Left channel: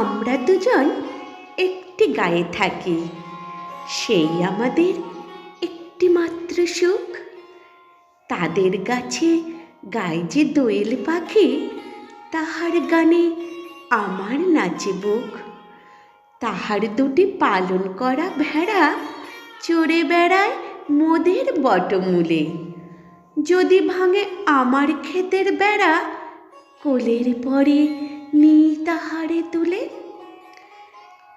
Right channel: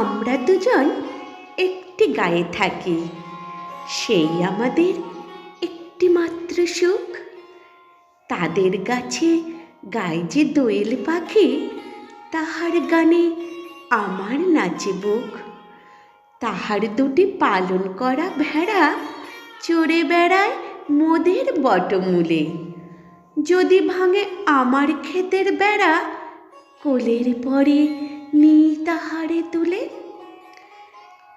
আমরা দুজন একটি গায়ে থাকি, সেই আমাদের একটি মাত্র সুখ। তাদের গাছে গায়ে যে দোয়েল পাখি, তাহার গানে আমার নাচে বুক। তাহার দুটি পালন করা ভেড়া চড়ে বেড়ায় মোদের বটমূলে। যদি ভাঙে আমার ক্ষেতের বেড়া, কোলের পরে নিই তাহারে তুলে।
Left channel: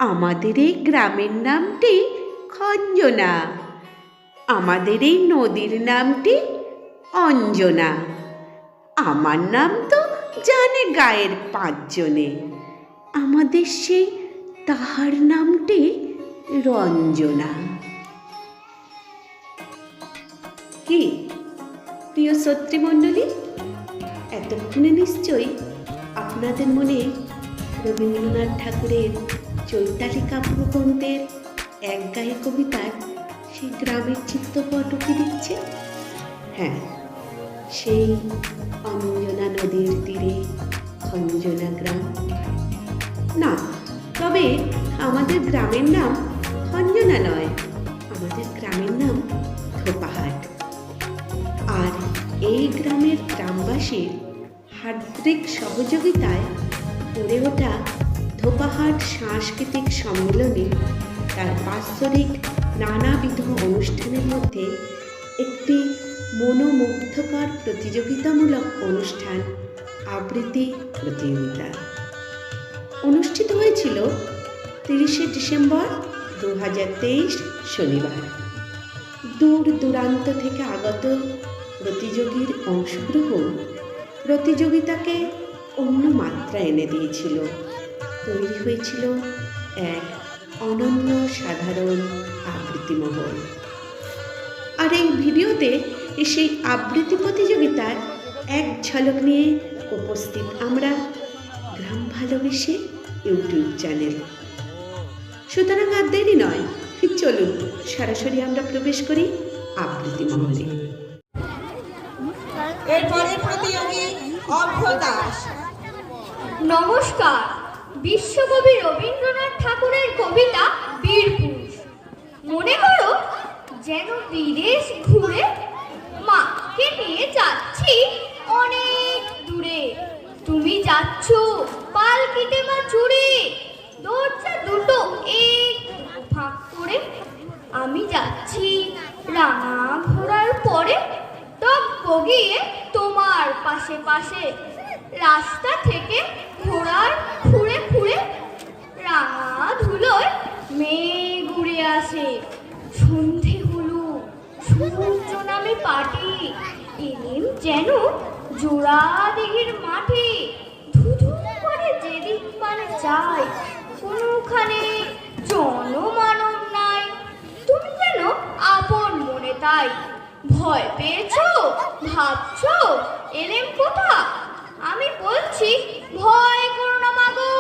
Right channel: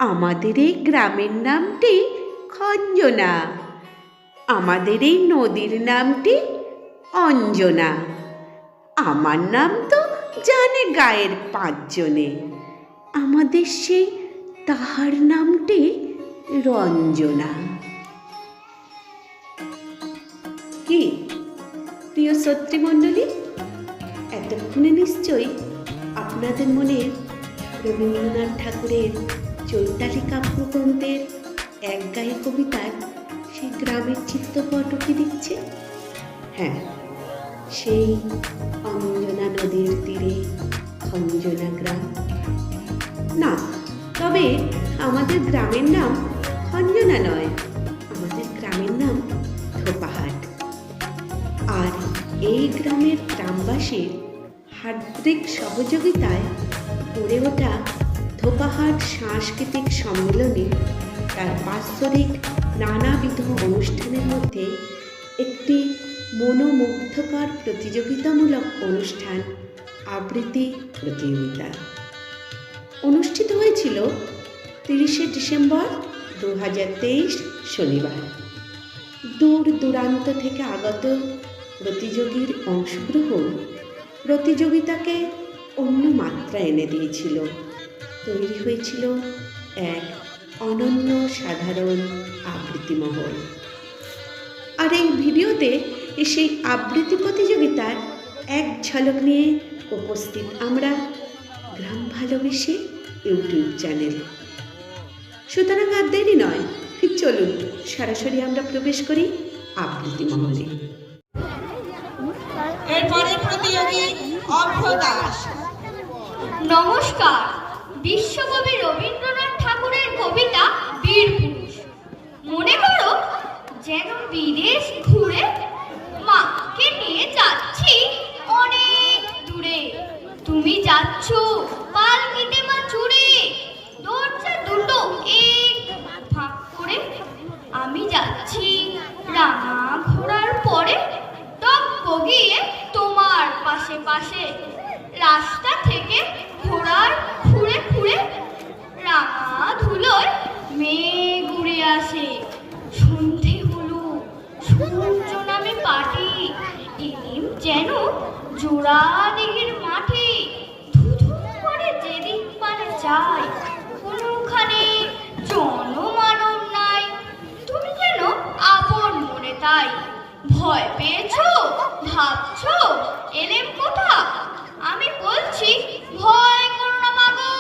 আমাদের এই গ্রামের নামটি খঞ্জনা, আমাদের এই নদীর নামটি অঞ্জনা। আমার নাম তো জানে গায়ের 5 জনে, আমাদের সেই তাহার নামটি রঞ্জনা। কি প্রিয় শ্রোতৃমণ্ডলী, এতক্ষণে নিশ্চয়ই আপনাদের মনে রবীন্দ্রনাথ ঠাকুরের চৈতালি কাব্যগ্রন্থের এক গায়ে কবিতার সেই গ্রামের চিত্রপট উঁকি দিচ্ছে। হ্যাঁ, সেই অঞ্জনা নদীর তীরে খঞ্জনা গ্রাম। না, তবে আমাদের গ্রামের নাম খঞ্জনা নয়, আমাদের গ্রামের নাম ধোপাহাট। আর এই গ্রামের গ্রামবাসীর হার্দিক সহযোগিতায় গড়ে ওঠা ধোপাহাট সাংস্কৃতিক সম্মেলনে তার বাৎসরিক নানাবিধ অনুষ্ঠানের মধ্যে একটি মনোমুগ্ধকর প্রতিযোগিতামূলক অনুষ্ঠান আবৃত্তি প্রতিযোগিতা অনুষ্ঠিত হয়েছিল 30শে ডিসেম্বর 2023 শনিবার। দূর দূরান্ত থেকে আগত প্রতিযোগীর অংশগ্রহণ প্রতিযোগিতাকে অন্য মাত্রা এনে দিয়েছিল। তৈরি হয়েছিল এক অনন্য সাধারণ আবৃত্তি মহল। আর এই ভিডিওতে সেই আবৃত্তি প্রতিযোগিতার এক ঝলক নিয়ে উপস্থিত আমরা, গ্রাম ভালোবেসে ইউটিউব চ্যানেল। সুতরাং আর দেরি নয়, চলুন সরাসরি আমরা প্রবেশ করি আবৃত্তি মহলে। নমস্কার। বিশ্বকবি রবীন্দ্রনাথ ঠাকুরের কবিতা বীরপুরুষ। মনে করো যেন বিদেশ ঘুরে মাকে নিয়ে যাচ্ছি অনেক দূরে। তুমি যাচ্ছ পালকিতে মা চুড়ে, দরজা দুটো এক ভাগ করে। আমি যাচ্ছি রাঙা ঘোড়ার পরে, টপ গিয়ে তোমার পাশে পাশে। রাস্তা থেকে ঘোড়ার খুঁড়ে খুঁড়ে রাঙা ধুলোয় মেঘ উড়ে আসে। সন্ধে হলো, সূর্য নামে পাটি, এলেম যেন জোড়া দিঘির মাঠে। ধুধু করে যেদিক মানে যায়, কোনোখানে জনমানব নাই। তুমি যেন আপন মনে তাই। ভয় পেয়েছো, ভাবছো এলেম কোথা? আমি বলছি ভয় করো না মাগো,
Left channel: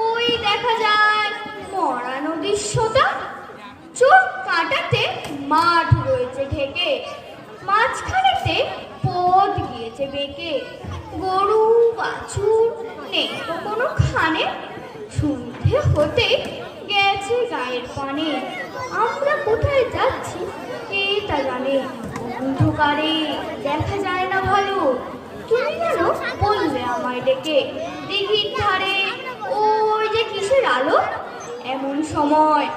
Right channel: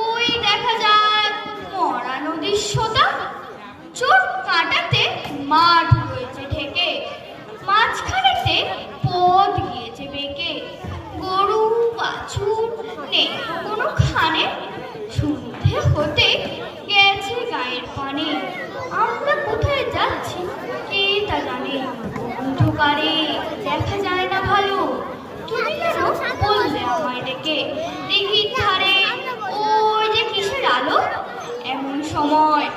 ওই দেখা যায় মরা নদীর সোতা। চোট কাটাতে মাঠ রয়েছে ঢেকে, মাঝখানেতে পথ গিয়েছে বেঁকে। গরু বাছুর নেই কোনো খানে, সন্ধে হতে গেছে গায়ের পানে। আমরা কোথায় যাচ্ছি কে তা জানে, অন্ধকারে দেখা যায় না ভালো। তুমি যেন বললে আমায় ডেকে, দিঘির ধারে ওই যে কিসের আলো। এমন সময়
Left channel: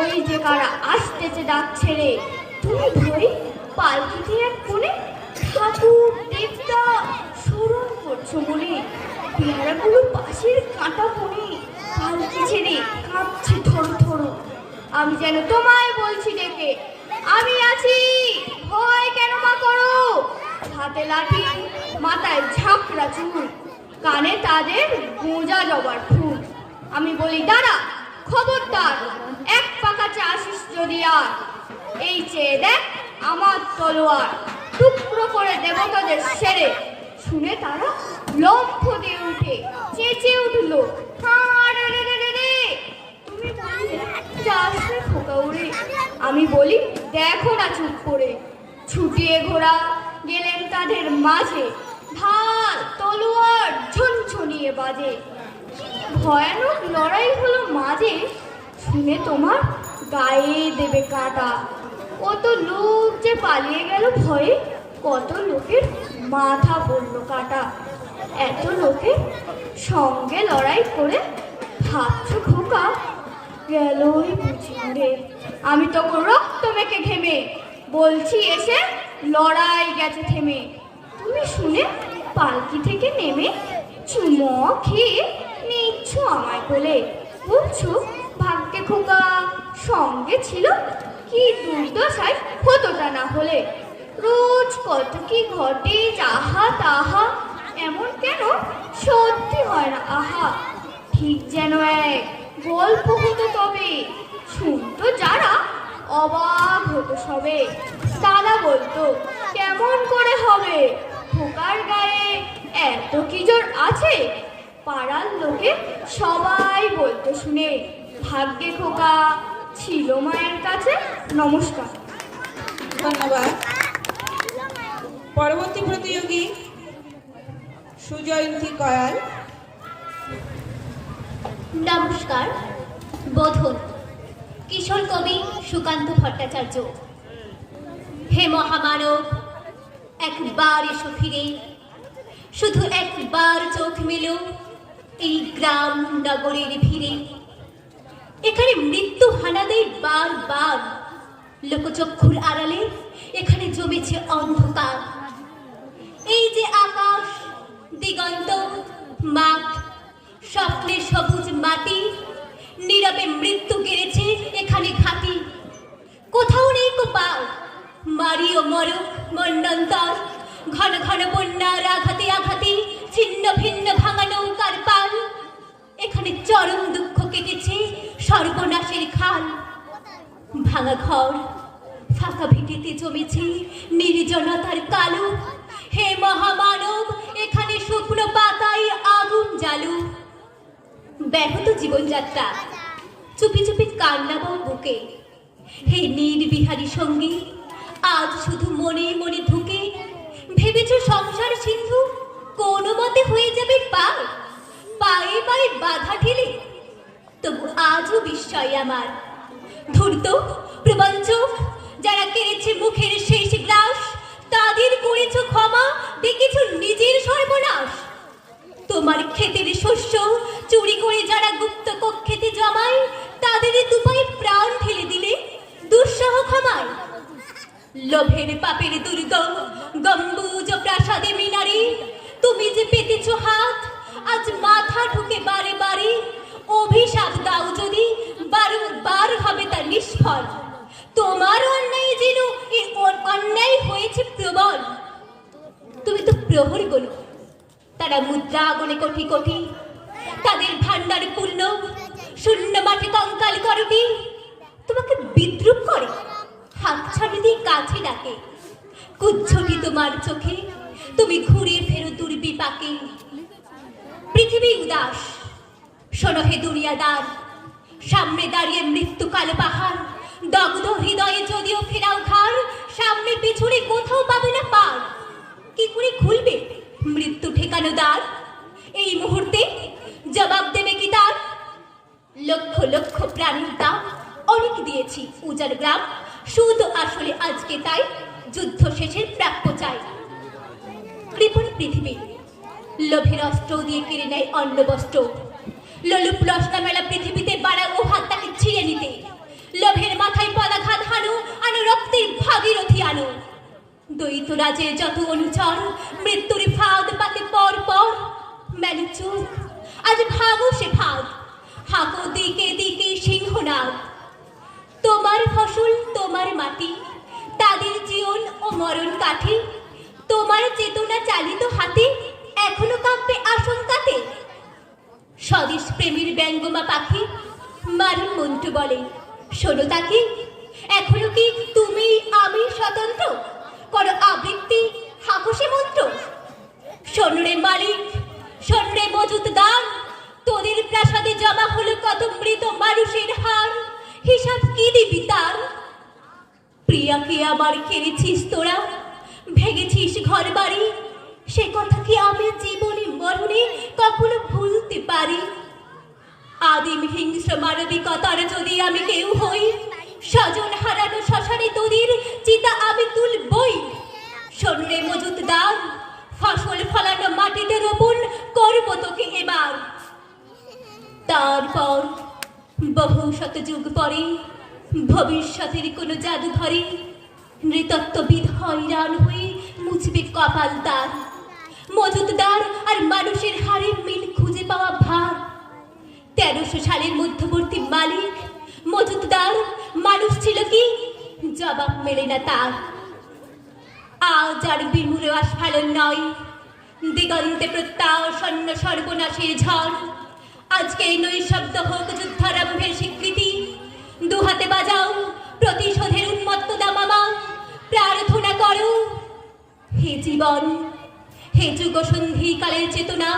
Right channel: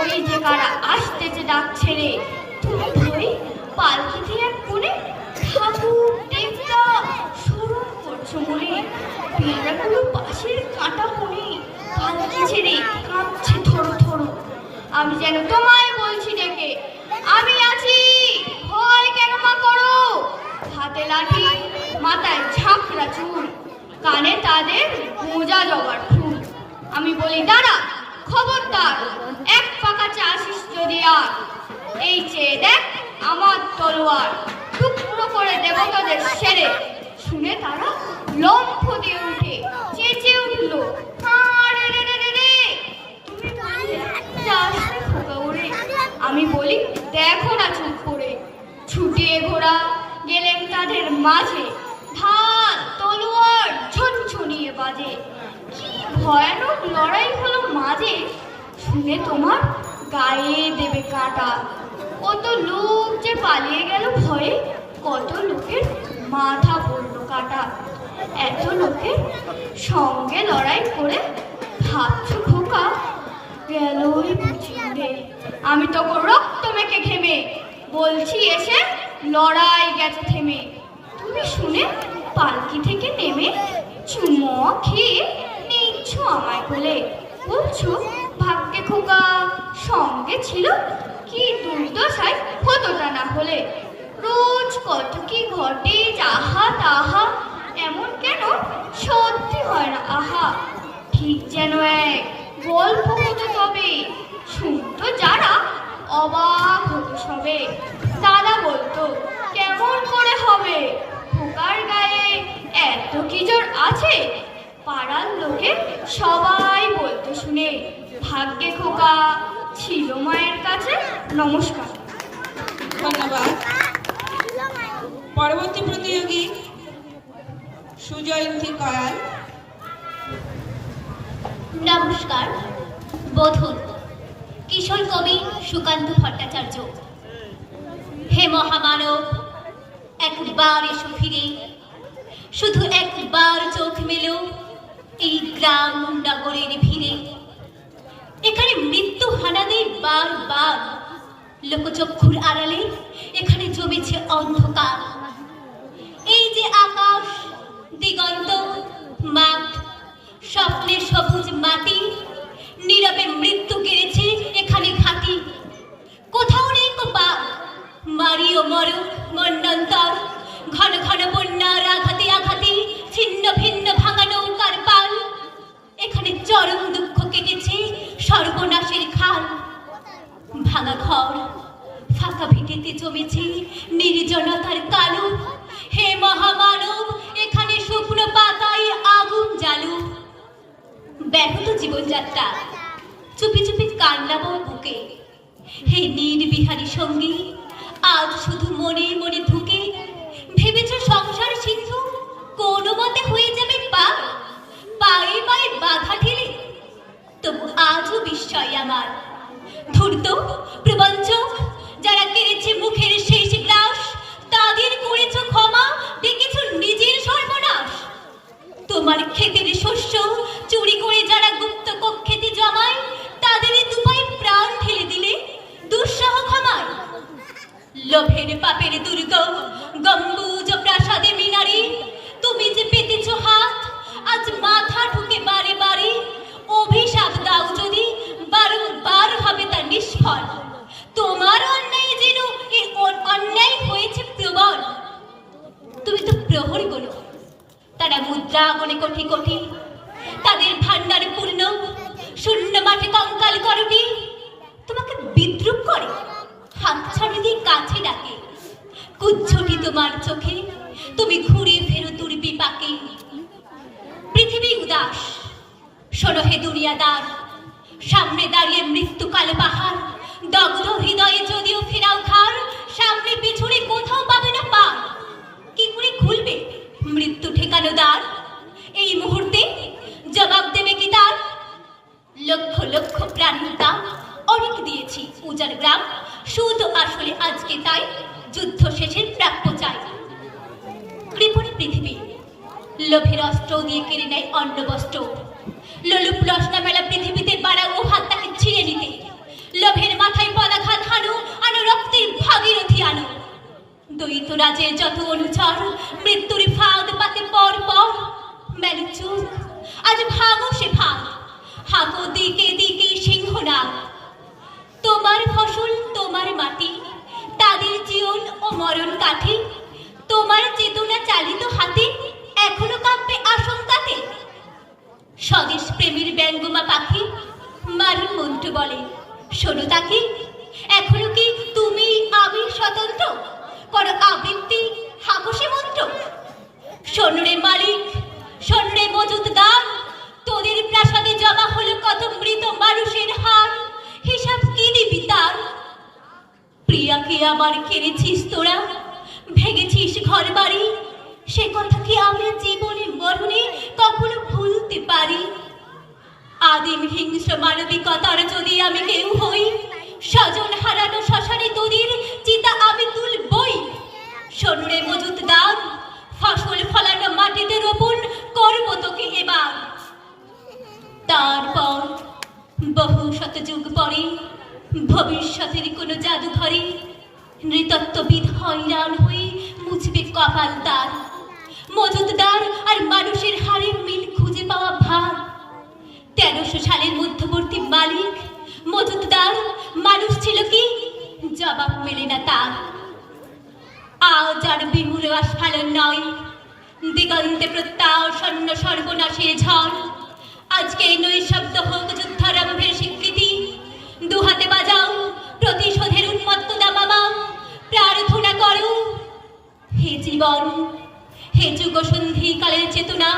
ওই যে কারা আসতেছে যাচ্ছে রে। তুমি ভাবি পালকিতে এক কোণে ঠাকুর দেবতা স্মরণ করছো বলে। পেয়ারাগুলো পাশের কাঁটা বনে পালকি ছেড়ে কাঁপছে থরো থরো। আমি যেন তোমায় বলছি ডেকে, আমি আছি, ভয় কেন মা করো। হাতে লাঠি, মাথায় ঝাঁকড়া চুল, কানে তাদের মোজা জবার ফুল। আমি বলি দাঁড়া, খবরদার, এক পাকা চাষিস যদি আর। এই চেয়ে দেখ আমার তলোয়ার, টুকরো করে দেব তাদের সেরে। শুনে তারা লম্ফ দিয়ে উঠে চেঁচে উঠলো, তুমি বললে যাস না ফুটো উড়ে। আমি বলি দেখো না চুপ করে। ছুটিয়ে ঘোড়া গেলেন তাদের মাঝে শুনে তোমার গায়ে দেবে কাটা। কত লোক যে পালিয়ে গেল ভয়ে, কত লোকের মাথা পড়লো কাটা। এত লোকের সঙ্গে লড়াই করে ভাবছো খোকা গেল বুঝি উড়ে। আমি তো রক্ত মেখে ঘেমে বলছি এসে লড়াই গেছে থেমে। তুমি শুনে পালকি থেকে নেমে চুমো খেয়ে নিচ্ছ আমায় বলে, বলছো ভাগ্যে খোকা সঙ্গে ছিল, কি দুর্দশায় হতোটা না হলে। রোজ কত কি ঘটে যাহা তাহা, এমন কেন সত্যি হয় না আহা। ঠিক যেন এক গল্প হতো তবে, শুনতো যারা অবাক হতো সবে। দাদা বলতো কেমন করে হবে, খোকার গায়ে এত কি জোর আছে। পাড়ার লোকে সবাই বলতো শুনে, ভাগ্যে খোকা ছিল মায়ের কাছে। নমস্কার। ধন্যবাদ। পরবর্তী প্রতিযোগী সুজয়ন্তী কয়াল। নমস্কার। বোধন কিশোর কবি সুকান্ত ভট্টাচার্য। হে মহামানব, একবার এসো ফিরে, শুধু একবার চোখ মেলো এই গ্রাম নগরের ভিড়ে। এখানে মৃত্যু হানাদের বারবার, লোকচক্ষুর আড়ালে এখানে জমেছে অন্ধকার। এই যে আকাশ, দিগন্ত, মাঠ, স্বপ্নের সবুজ মাটি, নীরবে মৃত্যু গেড়েছে এখানে ঘাটি। কোথাও নেই তো বাঘ, মারিও মরক মন্ডন্তর, ঘন ঘন বন্যার আঘাতে আঘাতে ছিন্ন ভিন্ন ভাঙা নৌকার পাল। এখানে চরম দুঃখ কেটেছে সর্বনাশের খাল। ভাঙা ঘর, ফাঁকা ভিটেতে জমেছে নির্জনতার কালো। হে মহামানব, এখানে শুকনো পাতায় আগুন জ্বালু। ব্যাহত জীবনযাত্রা, চুপি চুপি কান্না বয় বুকে। হে নির্বিহারী সঙ্গী, আজ শুধু মনে মনে ধুকে। ভেবেছ সংসার সিন্ধু কোনো মতে হয়ে যাবে পার, পায়ে পায়ে বাধা ঠেলে। তবু আজও বিস্ময় আমার, ধূর্ত প্রবঞ্চক যারা কেড়েছে মুখের শেষ গ্রাস, তাদের করেছ ক্ষমা, দেখেছ নিজের সর্বনাশ। তোমার ক্ষেতের শস্য চুরি করে যারা গুপ্ত কক্ষেতে জমায়, তাদের দুপায়ে প্রাণ ঠেলে দিলে দুঃসহ ক্ষমায়। লোভের পাপের দুর্গ গম্বুজ প্রাসাদে মিনারে, তুমি যে পেতেছ হাত, আজ মাথা ঠুকে বারে বারে। অভিশাপ দাও যদি, বারংবার হবে তা নিষ্ফল। তোমার অন্যায় যেন এই অন্যায় হয়েছে প্রবল। তুমি তো প্রহরী বলো, তারা মুদ্রা গণে কোটি কোটি, তাদের ভান্ডার পূর্ণ, শূন্য মাঠে কঙ্কাল করটি। তোমাকে বিদ্রুপ করে, হাত ছাড়ি দিয়ে কাছে ডাকে। কুচ্ছটি তোমার চোখে, তুমি ঘুরে ফেরো দুর্বিপাকে। পৃথিবী উদাস, শোনো হে দুনিয়াদার, সামনে দাঁড়িয়ে মৃত্যু কালো পাহাড়। দগ্ধ হৃদয়ে যদিও ফেরাও ঘাড়, সামনে পিছনে কোথাও পাবে না পার। কি করে খুলবে মৃত্যু ঠেকানো দ্বার? এই মুহূর্তে জবাব দেবে কি তার? লক্ষ লক্ষ প্রাণীর দাম অনেক দিয়েছি উজাড় গ্রাম, শুধু আসলে আজকে তাই যুদ্ধ শেষের প্রাপ্য চাই। কৃপণ পৃথিবী লোভের অস্ত্র দিয়ে কেড়ে নেয় অন্ন বস্ত্র। লোলুপ লসনা মেলা পৃথিবীতে বাড়া ও ভাত তাকে ছিঁড়ে নিতে। লোভের মাথায় পদাঘাত হানো, আনো রক্তের ভাগীরথী আনো। দ্বৈত রাজের যত অনুচর, মৃত্যুর ফাঁদ পাতে পর পর। মেলে চোখ, আজ ভাগো সে ফাঁদ, হাঁকো দিকে দিকে সিংহনাদ। তোমার ফসল তোমার মাটি, তাদের জীবন ও মরণ কাঠে। তোমার চেতনা চালিত হাতে, এখনো কাঁপবে আশঙ্কাতে। স্বদেশ প্রেমের ব্যঙ্গমা পাখি মারিন মন্টু বলে, শোনো তাকে, এখনো কি তুমি আমি স্বতন্ত্র? করো আবৃত্তি, হাকুশে মন্ত্র। শোন রে মালিক, শোন রে মজুদদার, তোদের প্রাসাদে জমা হলো কত মৃত মানুষের হার। হিসাব কি দিবি তার? প্রিয়াকে আমার কেড়েছিস তোরা, ভেঙেছিস ঘর বাড়ি। সে কথা কি আমরা জীবনে মরণে কখনো ভুলতে পারি? আদিম হিংস্র মানবিকতার যদি আমি দিগন্তে প্রত্যাসন্ন সর্বনাশের ঝড়। আজকে এই নৈশব্দ হোক যুদ্ধারম্ভের স্বীকৃতি। দুহাতে বাজাও প্রতিশোধের উন্মত্ত দামামা, প্রার্থনা করো হে জীবন, হে যুগ সন্ধি কালের চেতনা,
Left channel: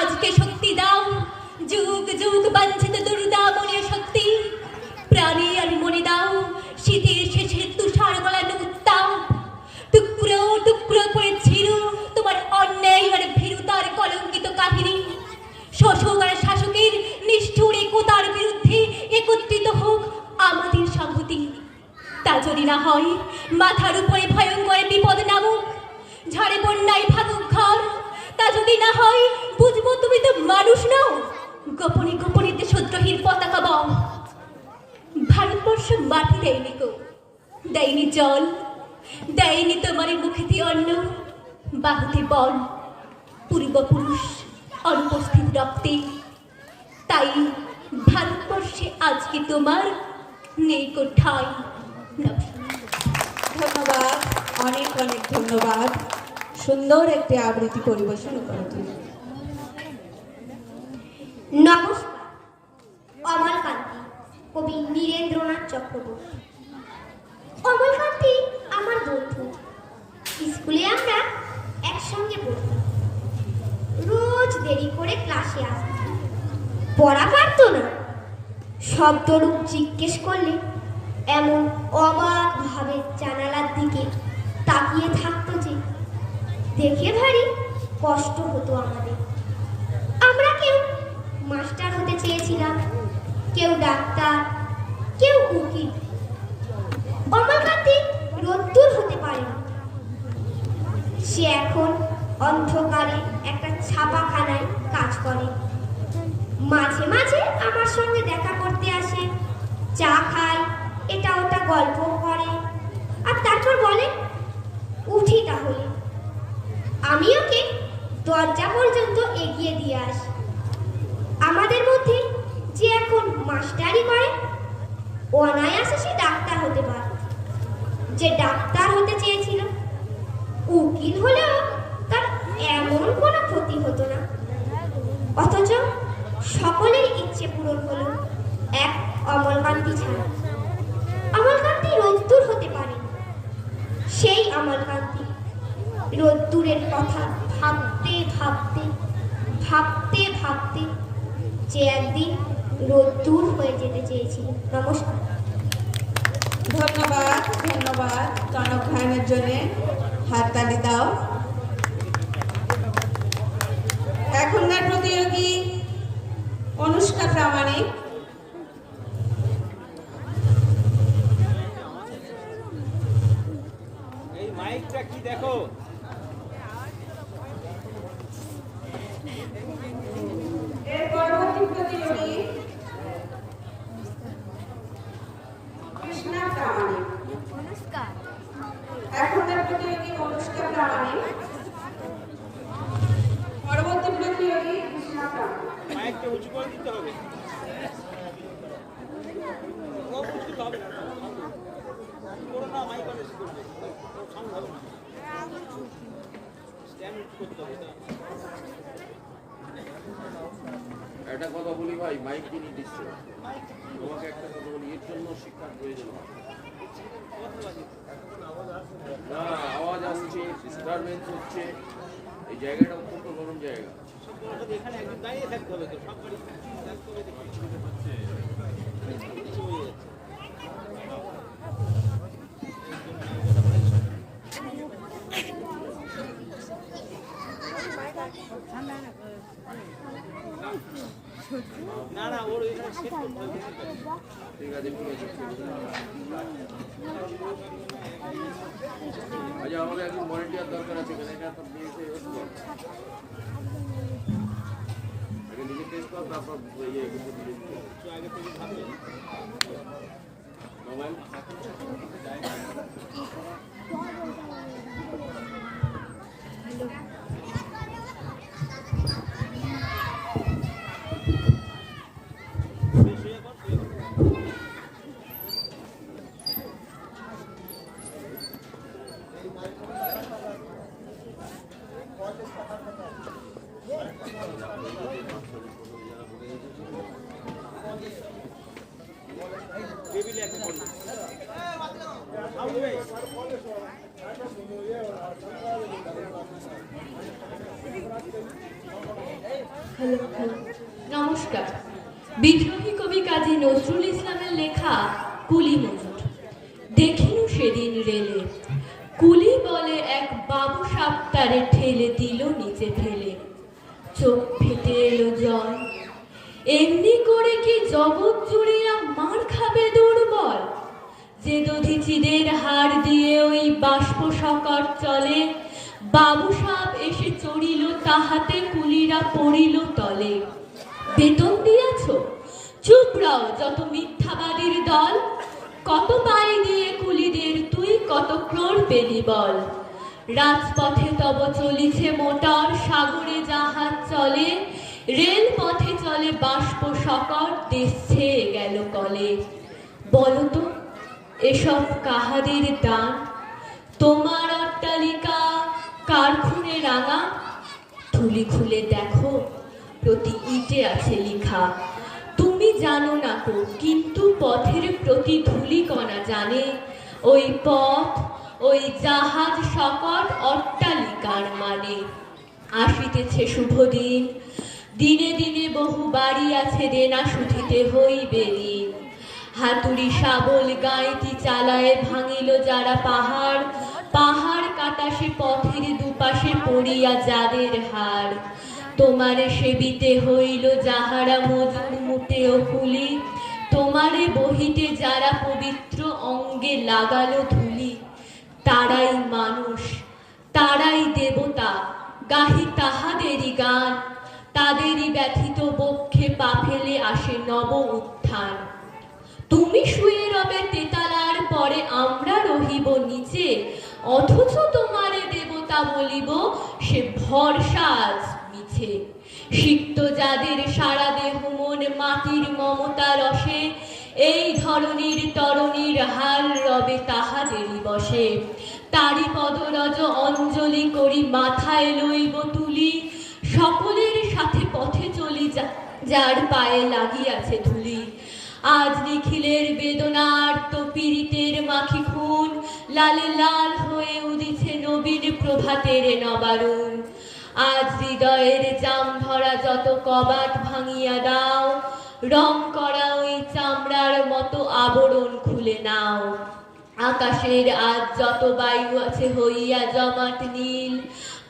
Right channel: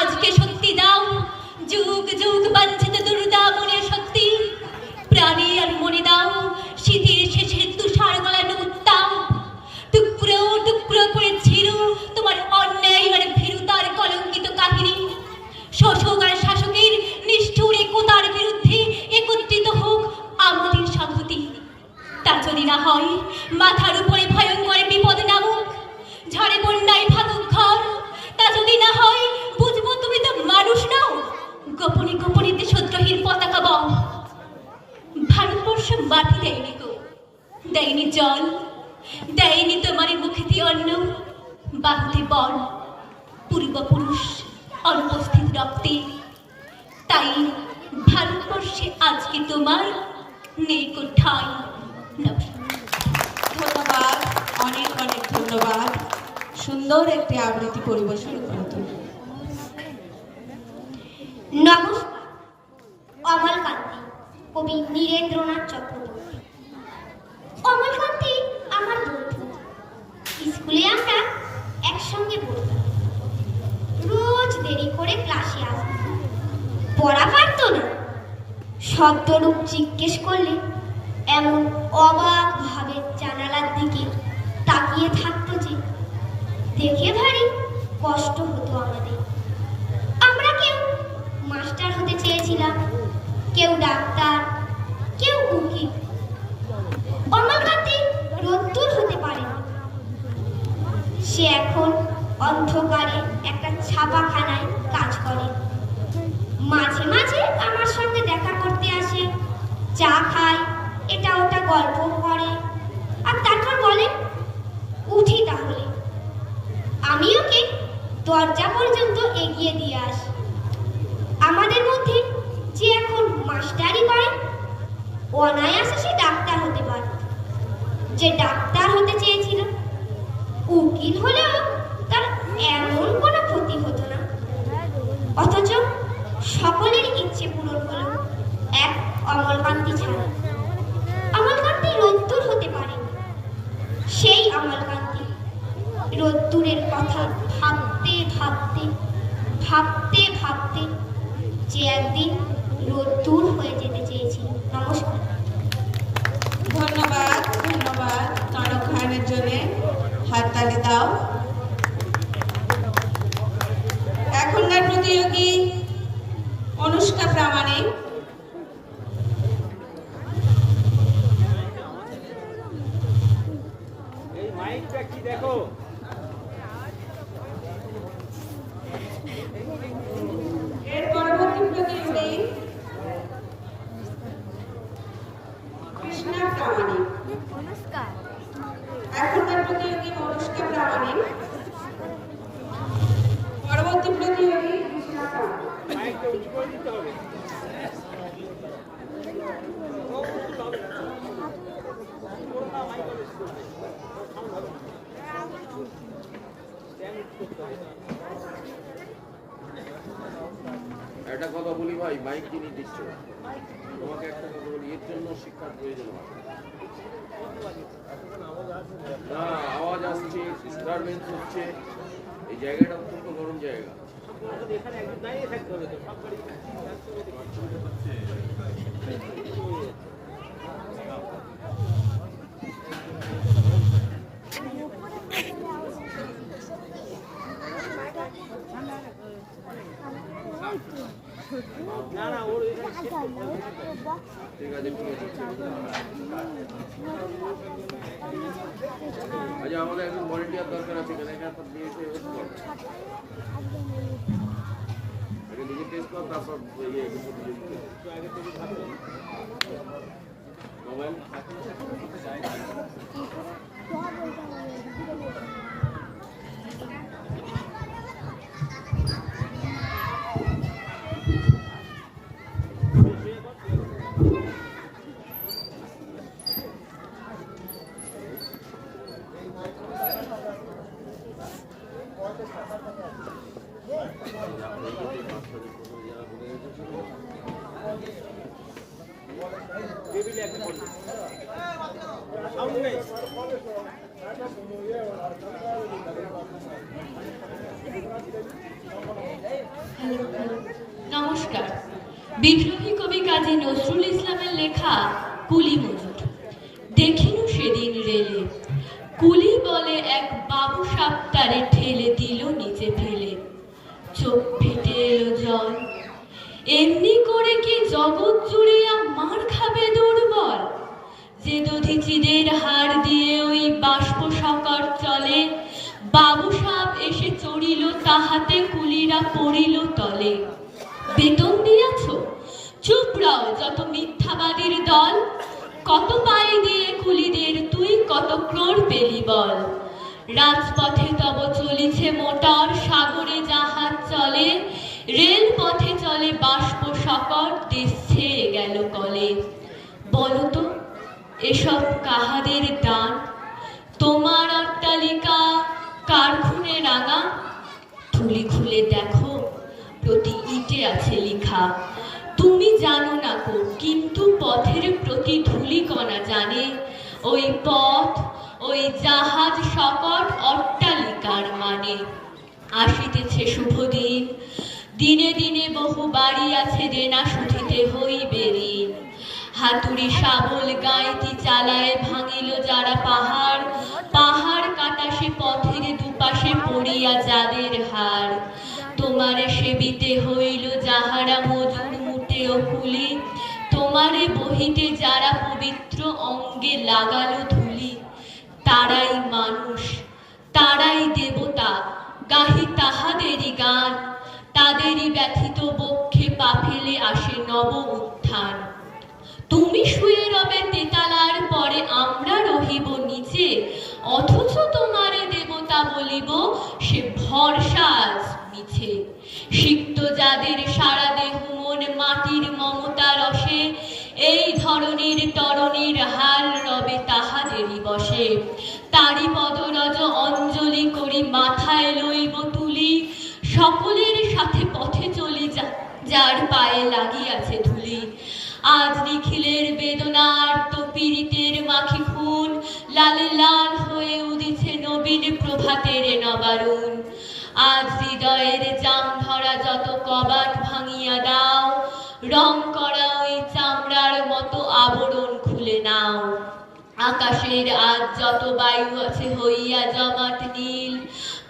আজকে শক্তি দাও, যুগ যুগ বাঞ্ছিত দুর্দা মনের শক্তি। প্রাণে আর মনে দাও শীতের শেষের তুষার গলানো উত্তাপ। টুকরো টুকরো করে ছিল তোমার অন্যায় আর ভীরুতার কলঙ্কিত কাহিনী। শোষক আর শাসকের নিষ্ঠুর একতার বিরুদ্ধে একত্রিত হোক আমাদের সংহতি। তা যদি না হয় মাথার উপরে ভয়ঙ্কর বিপদ নামুক, ঝড়ে বন্যায় ভাঙুক ঘর। তা যদি না হয় বুঝবো তুমি তো মানুষ নও, গোপনে গোপনে দেশদ্রোহীর পতাকা বাও। ভারতবর্ষ মাটি দেয়নি গো, দেয়নি জল, দেয়নি তোমার মুখেতে অন্ন, বাহুতে বল, পূর্বপুরুষ অনুপস্থিত রক্তে। তাই ভারতবর্ষে আজকে তোমার নেই গো ঠাঁই। ধন্যবাদ, অনেক অনেক ধন্যবাদ। সুন্দর একটি আবৃত্তি পরিবেশন করতে। নমস্কার, অমলকান্তি, কবি নীরেন্দ্রনাথ চক্রবর্তী। অমলকান্তি আমার বন্ধু। স্কুলে আমরা একসঙ্গে পড়তাম। রোজ দেরি করে ক্লাসে আসতাম, পড়া পারত না। শব্দরূপ জিজ্ঞেস করলে এমন অবাক ভাবে জানালার দিকে তাকিয়ে থাকতো যে দেখে ভারী কষ্ট হতো আমাদের। আমরা কেউ মাস্টার হতে চেয়েছিলাম, কেউ ডাক্তার, কেউ উকিল। অমলকান্তি রোদ্দুর হতে পারেনি। সে এখন অন্ধকারে একটা ছাপাখানায় কাজ করে। মাঝে মাঝে আমার সঙ্গে দেখা করতে আসে, চা খায়, এটা ওটা গল্প করে, আর তারপর বলে উঠি তাহলে। আমি ওকে দরজা পর্যন্ত এগিয়ে দিয়ে আসি। আমাদের মধ্যে যে এখন মাস্টারি করে, অনায়াসে সে ডাক্তার হতে পারে। যে ডাক্তার হতে চেয়েছিল, উকিল হলেও তার এমন কোনো ক্ষতি হতো না। অথচ সকলের ইচ্ছে পূরণ হলো এক অমলকান্তি ছাড়া। অমলকান্তি রোদ্দুর হতে পারে। সেই অমলকান্তি রোদ্দুরের কথা ভাবতে ভাবতে ভাবতে ভাবতে যে একদিন রোদ্দুর হয়ে যেতে চেয়েছিল। নমস্কার। ধন্যবাদ, ধন্যবাদ তারক ভাইয়ের জন্য। হাততালি দাও। এখনকার প্রতিযোগী অনুষ্কা প্রামাণিক। এই মাইকটা কি দেখো? এর পরবর্তী প্রতিযোগী কৃষ্ণা প্রামাণিক। এখনকার প্রতিযোগী অনুষ্কা প্রামাণিক। পরবর্তী প্রতিযোগী কৃষ্ণা প্রামাণিক। মাইকটা উঁচু করে দিতে হবে। একটা কথা বলি ভাই, মাইক যিনি দিচ্ছ তোমাকে একটা কথা বলি, এর জন্য শিক্ষার প্রয়োজন হয় না। আওয়াজ আসছে, ডিস্টারবেন্স হচ্ছে, এই জায়গাটা অত্যন্ত গরম জায়গা। এখানে একদিন দাঁড়িয়ে থাকতে হবে তো, সব গাড়ি না না, ওর এখানে শেষ করতে হবে। ঠিক আছে ঠিক আছে। আচ্ছা, আমাদের একজন ভলেন্টিয়ার দরকার আছে এখানে। এখানে নিয়ে এসে টেস্ট কর, আগে নিজে টেস্ট কর, তারপর ইয়ে মোবাইল। নমস্কার। বিদ্রোহী কবি কাজী নজরুল ইসলামের লেখা কুলি মজুর। দেখিনু সেদিন রেলে, কুলি বলে এক বাবু সাপ তারে ঠেলে দিল নিচে ফেলে, চোখ ফেটে এলো জল। এমনি করে কি জগৎ জুড়িয়া মার খাবে দুর্বল, যে দধিচিদের হাড় দিয়ে ওই বাষ্প সকর চলে, বাবু সাপ এসে চড়িল তাহাতে কুলিরা পড়িল তলে। বেতন দিয়াছ? চুপ রাও যত মিথ্যাবাদীর দল, কত পাই দিয়ে কুলিদের তুই কত ক্রোড় পেলি বল। রাজপথে তব চলিছে মোটর, সাগরে জাহাজ চলে, রেল পথে চলে বাষ্প সকর, দেশ ছেয়ে গেল কলে। বলতো এসব কাহাদের দান? তোমার অট্টালিকা কার খুনে রাঙা? থুলি খুলে দেখো প্রতি ইটে আছে লিখা। তুমি জানো না কো, কিন্তু পথের প্রতি ধূলিকণা জানে। ওই পথ, ওই জাহাজ সকট অট্টালিকার মানে। আসিতেছে শুভ দিন, দিনে দিনে বহু বাড়ি আছে দেনা শুধিতে হইবে ঋণ। হাতুড়ি শাবল গাইতি চালায় ভাঙিল যারা পাহাড়, পাহাড় কাটা সে পথের দুপাশে পড়িয়া যাদের হাড়। তোমারে সেবিতে হইল যাহারা মজুর মুটে ও কুলি, তোমারে বহিতে যারা পবিত্র অঙ্গে লাগালো ধুলি। তারাই মানুষ, তারাই দেবতা, গাহি তাহাদেরই গান, তাদেরই ব্যথিত বক্ষে পা ফেলে আসে নব উত্থান। তুমি শুয়ে রবে তেতালার পরে, আমরা রহিব নিচে, অথচ তোমারে দেবতা বলিব, সে ভরসা আজ মিছে। সিক্ত যাদের সারা দেহ মন মাটির মমতা রসে, এই ধরনীর তরণীর হাল রবে তাহাদেরই বসে। তারি পদরজ অঞ্জলি করি মাথায় লইব তুলি, সকলের সাথে পথে চলি যার পায়ে লাগিয়াছে ধুলি। আজ নিখিলের বেদনার তো পীড়িতের মাখি খুন, লালে লাল হয়ে উদিছে নবীন প্রভাতের নবারুণ। আজ হৃদয়ের জাম ধরা যত কবাট ভাঙিয়া দাও, রং করা ওই চামড়ার মতো আবরণ খুলে নাও। আকাশের আজ যত বায়ু আছে হইয়া জমাট নীল,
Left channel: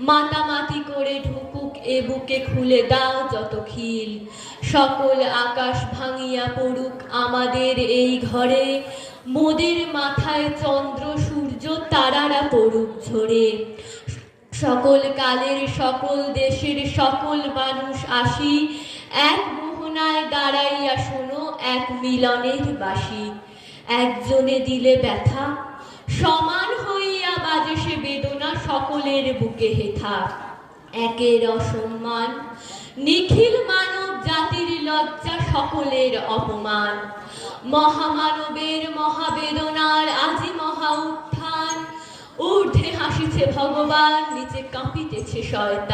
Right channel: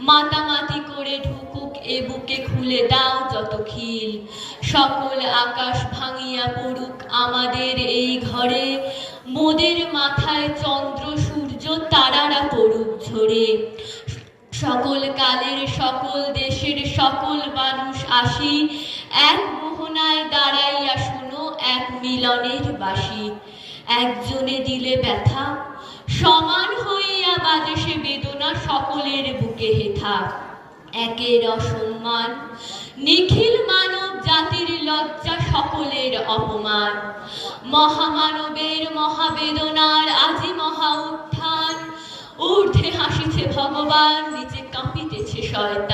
মাতামাতি করে ঢুকুক এ বুকে খুলে দাও যত খিল। সকল আকাশ ভাঙিয়া পড়ুক আমাদের এই ঘরে, মোদের মাথায় চন্দ্র সূর্য তারারা পড়ুক ঝরে। সকল কালের সকল দেশের সকল মানুষ আসি, এক মোহনায় দাঁড়াইয়া শোনো এক মিলনের বাসি। একজনে দিলে ব্যথা, সমান হইয়া বাজে সে বেদনা সকলের বুকে হেথা। একের অসম্মান, নিখিল মানব জাতির লজ্জা সকলের অপমান। মহামানবের মহাবেদনার আজি মহা উত্থান, ঊর্ধ্বে হাসিছে ভগবান, নিচে কাঁপিতেছে শয়তান।